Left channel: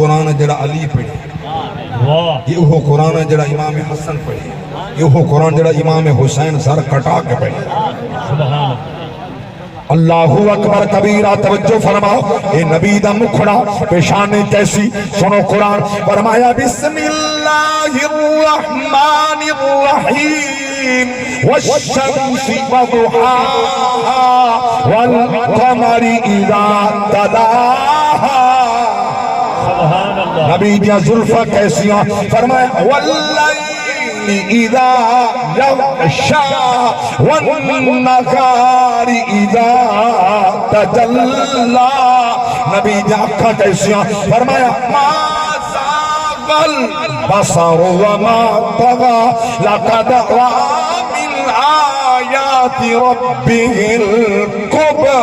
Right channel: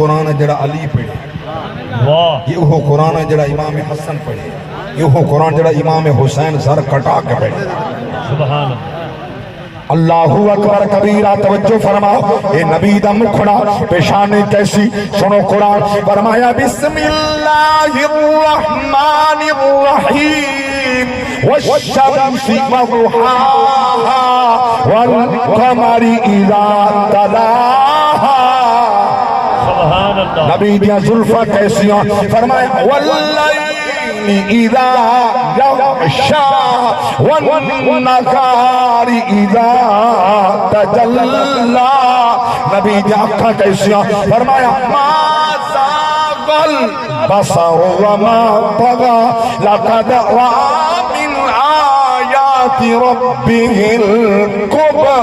قرآن جڑا علی پڑھے، یہ وہ قرآن جڑا امام حسن پڑھے، یہ وہ قرآن جڑا امام حسین سر کٹا کے پڑھے. سبحان اللہ اکبر کبیرہ. توجہ فرماؤ، اے نبی دا مکھڑا پیشانی کیسی، سنو قرآن. فرمایا بسم اللہ الرحمن الرحیم والشمس وضحاها والقمر اذا تلاها. نبی دیا زلفہ کیسیاں، فرمایا واللیل اذا یغشا والنہار اذا تجلا. نبی دیا آنکھاں کیسیاں، فرمایا ما زاغ البصر وما طغى لقد رأى من آیات ربه الکبریٰ.